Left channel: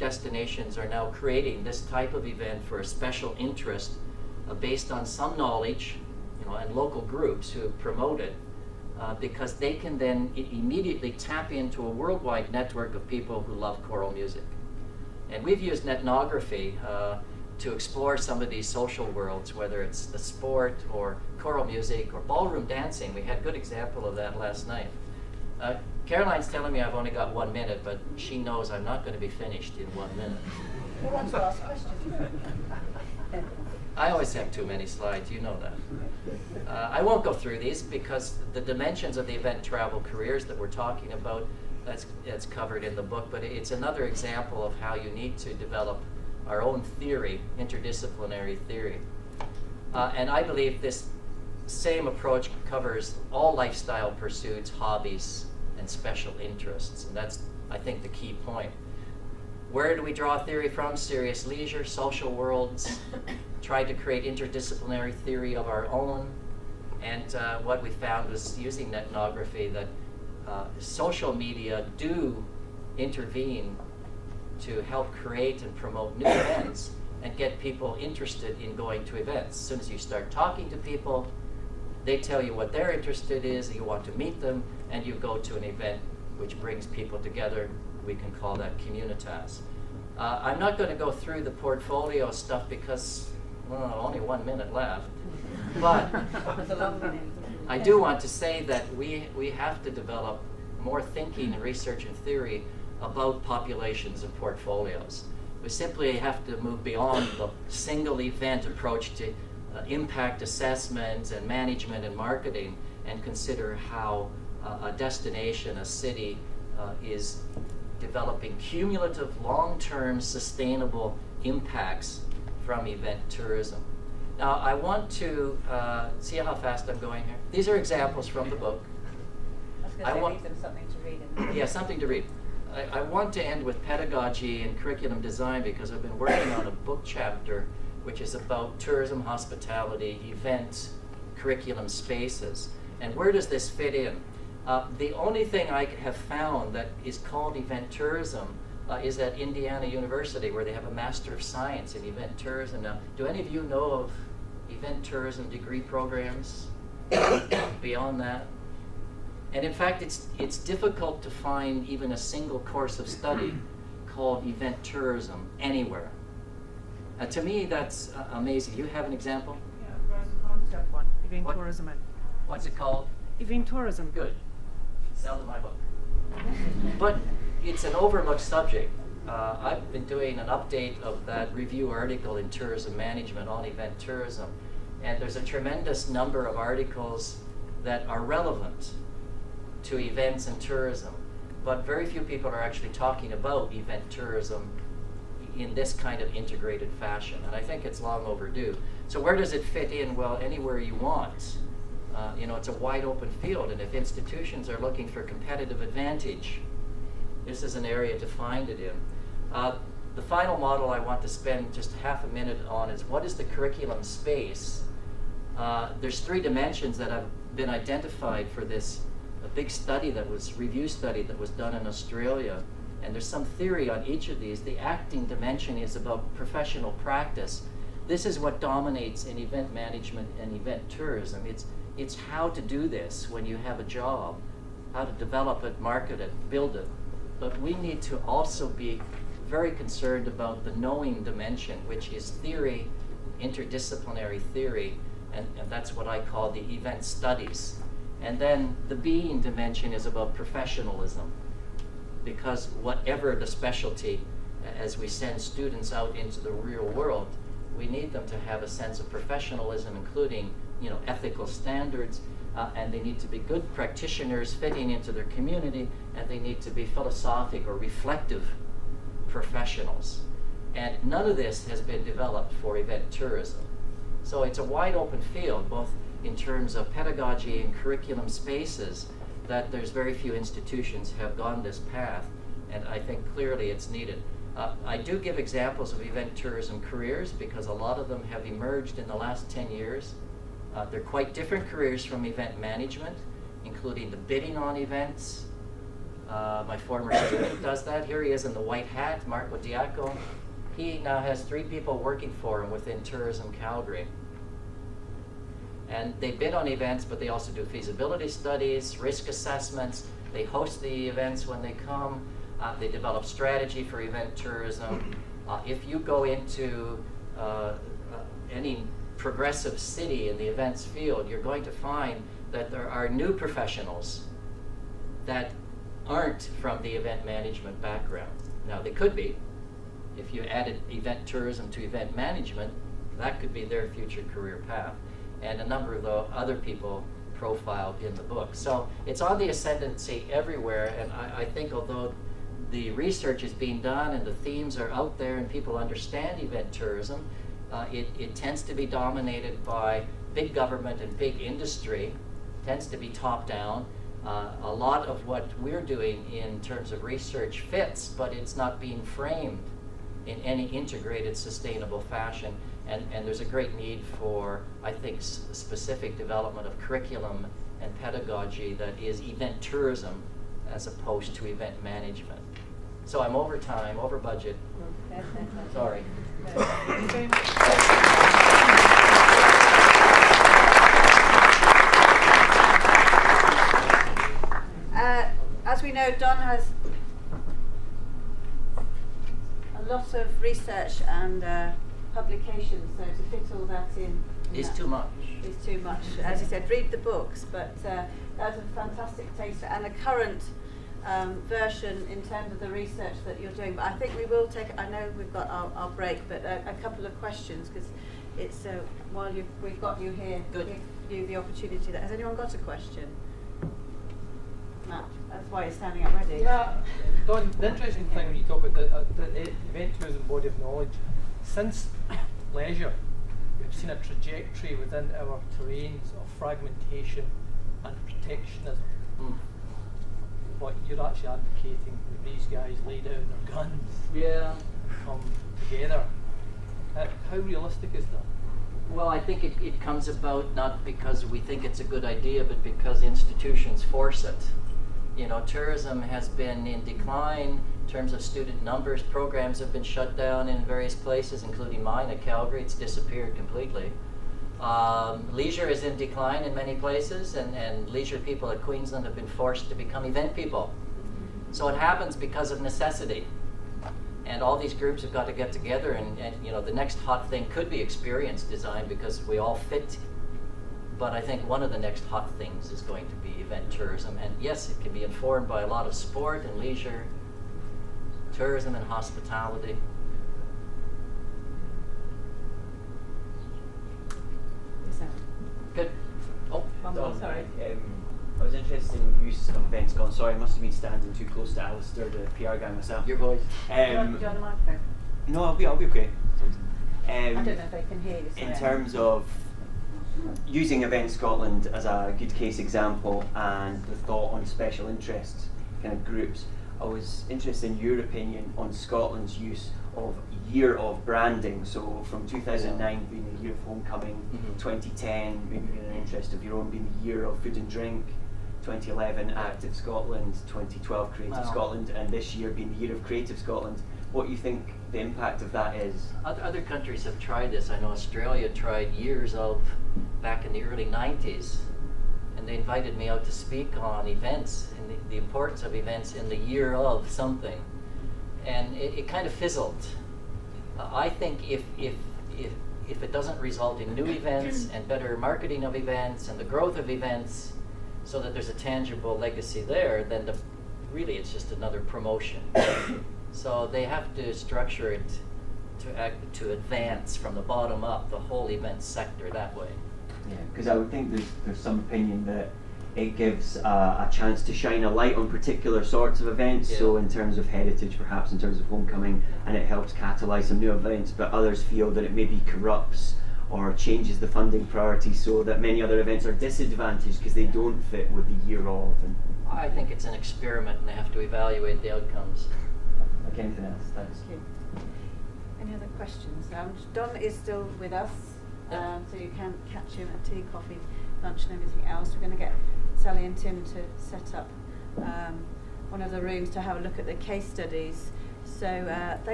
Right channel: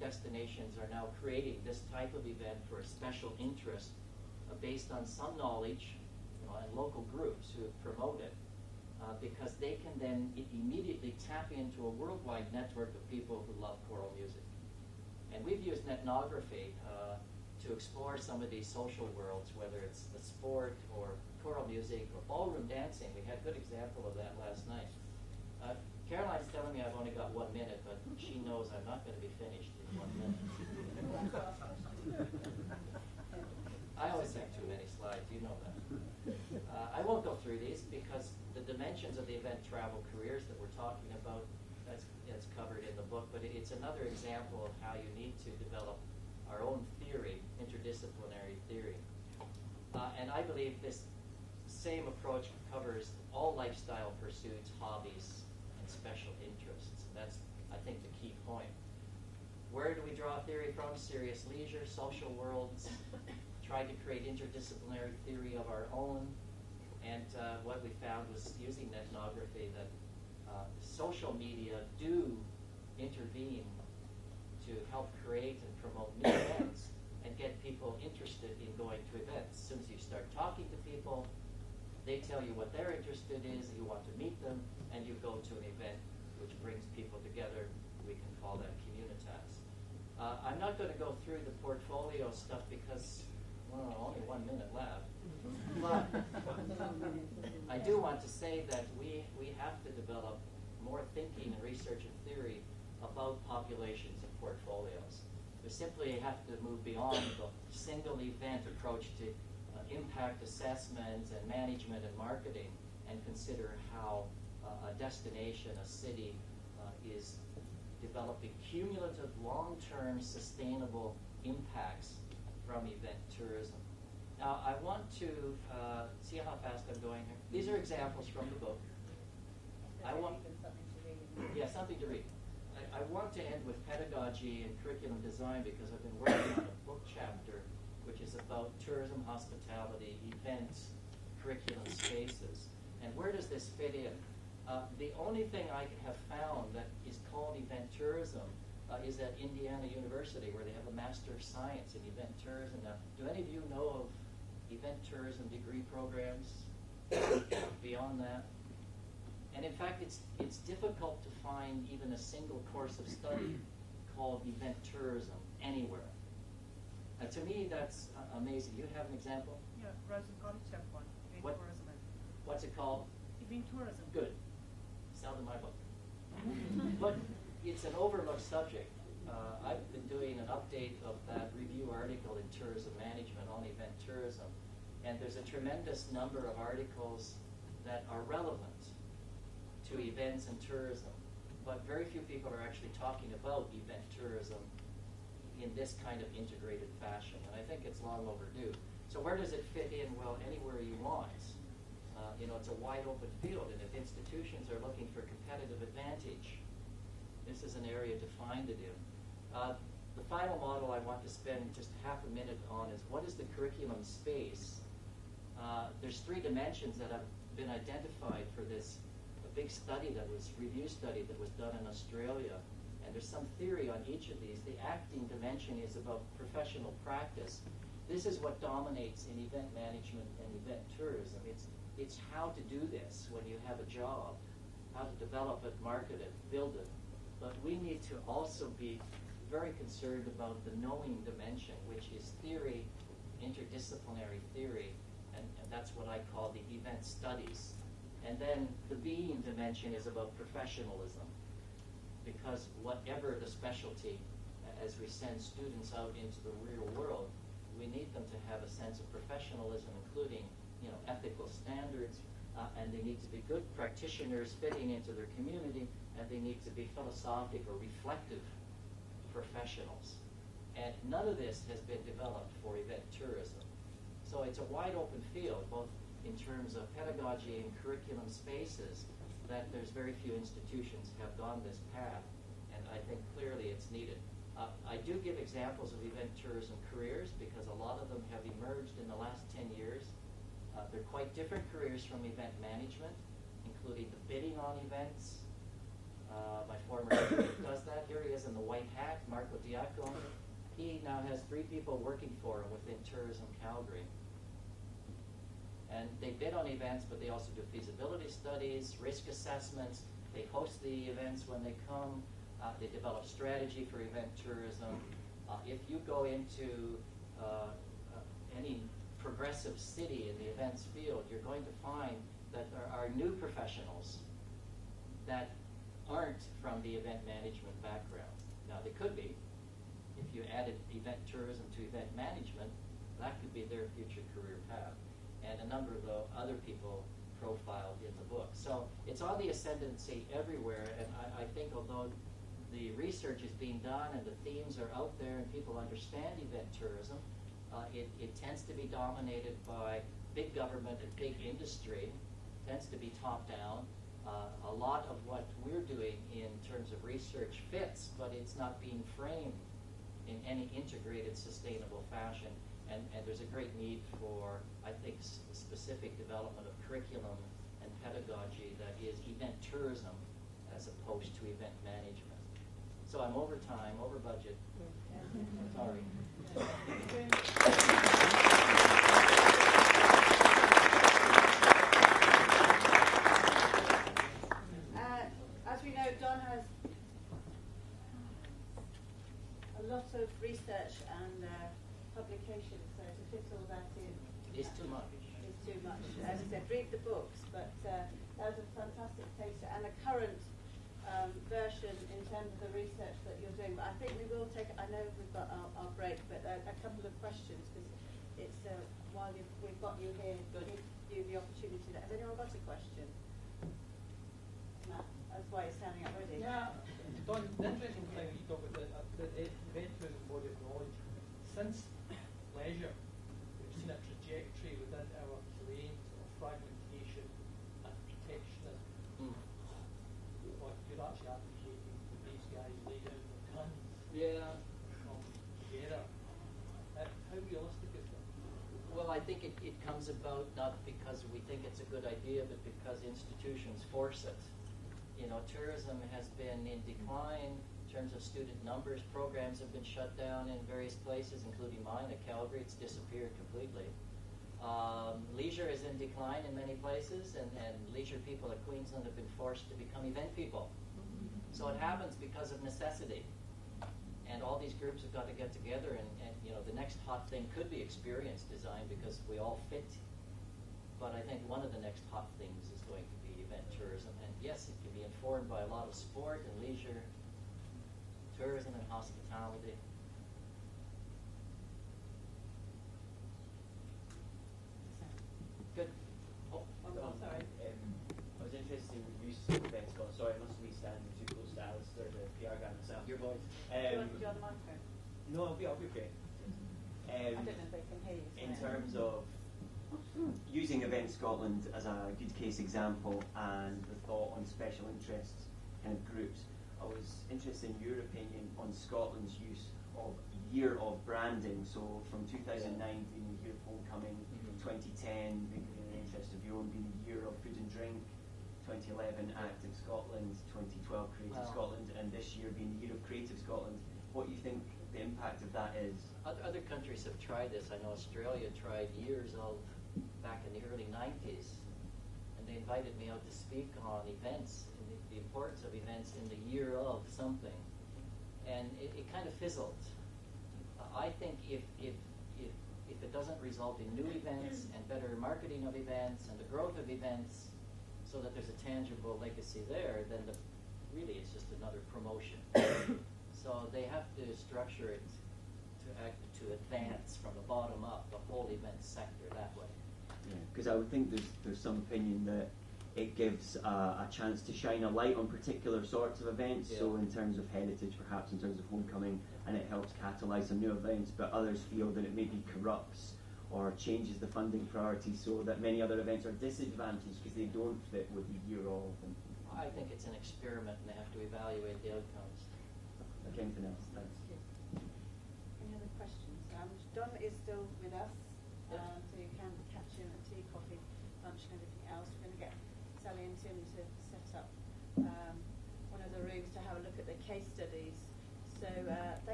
destinations are now creating this type of event for a special interest based on some knowledge, and local groups who promote it, because they can then immediately tap into a worldwide network of people who love choral music. And we've used ethnography to explore some of these social worlds, whether it's the sport or choral music or ballroom dancing. We had a good example of that last night. Caroline's telling me I've only got 1 minute, but she knows I'm not going to be finished in 1 minute. Who wants to ask questions? I always have too many slides, you know that. I won't go through these because the dimensions of the event travel careers that we're talking about, that's covered in the book, but it's another example of how you need to develop our own theory, interdisciplinary theory. And I believe this same approach covers all lifestyle pursuits, hobbies, and special interests. And that's, I think, the key point. Where do we draw theory from? Serious leisure, social worlds. Tried to create interdisciplinary theory of our own. And what we found was, using ethnography, that social media do intervene to help create and promote new events and get people interested in going to events. As soon as you start talking to people, they tell you what they're interested in, you want to meet them, and you go to an event which brings people together. We can call that communitas. I'm not going to go through the portfolio stuff because, only 1 minute left. But I do want to say that we have to develop more thinking and research and theory about populations and portfolios. We simply have to move beyond the single event approach to impact assessment and management and marketing, and consider how a destination, a city, is developing cumulative, long-term, sustainable impacts from event tourism. Now, I want to see how fast I'm going here. These are examples from the book. I want them something to read. Yeah, something to read. I want to end with pedagogy and curriculum design because I've been working on a book chapter which is about tourism, hospitality, event, curriculum spaces. And where does this fit in? The only thing I have found that is called event tourism is at Indiana University, where they have a Master of Science in Event Tourism. Now, do any of you know of event tourism degree programs beyond that? And in fact, it's difficult to find even a single course of study called event tourism anywhere. To me, that's amazing. You have an example? Yeah, there's a concept one, event What? tourism. What's it called? Event tourism. Good. Sell to my book. But it's an overlooked subject. I've been doing an update of that review article in Tourism Management on event tourism. And there's a tremendous number of articles that are relevant to events and tourism. But very few people are actually talking about event tourism in this kind of integrated fashion. And I think it's long overdue. So where does it fit in? Well, anywhere you want. It's a wide open field, and if institutions are looking for competitive advantage, this is an area to find it in. The final model I want to spend just half a minute on is, what is the curriculum space? There's 3 dimensions that have been identified for this big study review study that was done in Australia, and there's some theory on each of these. The acting dimension is about professional practice. This is what dominates in event management and event tourism. It's how to do this when you have a job, how to develop it, market it, build it. But we need to also be very concerned about the knowing dimension, which is theory, interdisciplinary theory, and that's what I call the event studies. And then the being dimension is about professionalism, because whatever the specialty, as we send students out into the real world, we need them to have a sense of professionalism, including ethical standards, and they need to be good practitioners fitting into their community, and they need to be philosophic or reflective professionals. And none of this has been developed for event tourism. So it's a wide open field, both in terms of pedagogy and curriculum spaces, that there's very few institutions have gone this path, and I think clearly it's needed. I do give examples of event tourism careers because a lot of them have emerged in the last 10 years. They're quite different careers from event management, including the bidding on events, My former student does that. Here he is in the white hat, Marco Diaco. He now has 3 people working for him within Tourism Calgary. And they bid on events, but they also do feasibility studies, risk assessments. They host the events when they come. They develop strategy for event tourism. If you go into any progressive city in the events field, you're going to find that there are new professionals that aren't from the event management background. Now, they could be. If you added event tourism to event management, that could be their future career path. And a number of the other people profiled in the book. So it's on the ascendancy everywhere, and I think although the research is being done and the themes are out there and people understand event tourism, it tends to be dominated by big government and big industry, tends to be top down. A lot of what we're doing in terms of research fits, but it's not being framed in any integrated, sustainable fashion. And there's a great need for, I think, specific development of curriculum and pedagogy that is event tourism as opposed to event management. So I'm over time, over budget. Sorry. Thank you very much. As we know, Don has a lot of research and publications, so to fit all that in Is too much. is too much. As you said, read the books, but that was a fantastic taster and a current version in terms of the research that you're doing. But I think we will take, I know we've got our break, but a couple of questions, because it's while we've got you here, Good. give you the opportunity. Has anyone got a question? Matt, that's why you're standing up ready. Yeah, Don, the interesting thing when you talk about the event tourism body of knowledge, since leisure, we've seen a trajectory within our terrains of fragmentation and protectionism. But you're actually advocating that these guys lay down their guns, Yeah. come together. How realistic is that? Well, I think it comes about not because we think it's a good idea, but because institutions force it. You know, tourism has been in decline in terms of student numbers. Programs have been shut down in various places, including mine at Calgary. It's disappeared completely. Leisure is in decline in many places, and leisure people at Queensland have been forced to become event people. So it happens because of necessity. And all these groups have got to get together, and you know, the next hot thing could be experience design because we all fit. But I think one of the next hot things is going to be event tourism. And yes, it can be informed by a lot of sport and leisure, tourism and hospitality. Good. Oh, One more, sorry. I was interested in the use of events gone. Sorry, I must have been standing too close to Alistair, the PR guy myself. your voice. Do you want a microphone? No, I'll be okay. I don't know if they can hear you. In sorry. terms of using Event Scotland as a good case example and the thought on special interest kind of groups, I was interested in your opinion on Scotland's use of year of branding. So from 2009 being the year of homecoming, 2010 maybe being an interest of your own being the year of food and drink, 2011 Active Scotland, 2012 Creative Scotland, and this year being the year of Creative Scotland. What you think the impact of that is? Other countries have tried this. I know Australia tried years of back in the early 90s, and they invited me out to speak on events and the importance of events in the year of something, and it kind of fizzled. I think if it doesn't result in new events and better marketing of events and the growth of events, so that there's a tangible legacy there, then really it's just another promotion. So they have to structure it to advance from the bottom up the whole event sector that way. Yeah, because I would think there's some opinion that it gives a chance to shine a light on particular sorts of events. Yeah. So in terms of heritage, perhaps in terms of homecoming, and it helps catalyse some new events. But others feel that it maybe corrupts or changes the funding priorities, so that many other events are disadvantaged because they don't fit with the year of. And I think it's an experiment, and they have to evaluate the outcomes. like anything else. Thanks. Thank you. Any other questions? Don is still with us, so you can catch him at tea, coffee, lunch and everything else. We're going to get Sally and Tim to set up one of the rooms to have a look at the case studies. So thank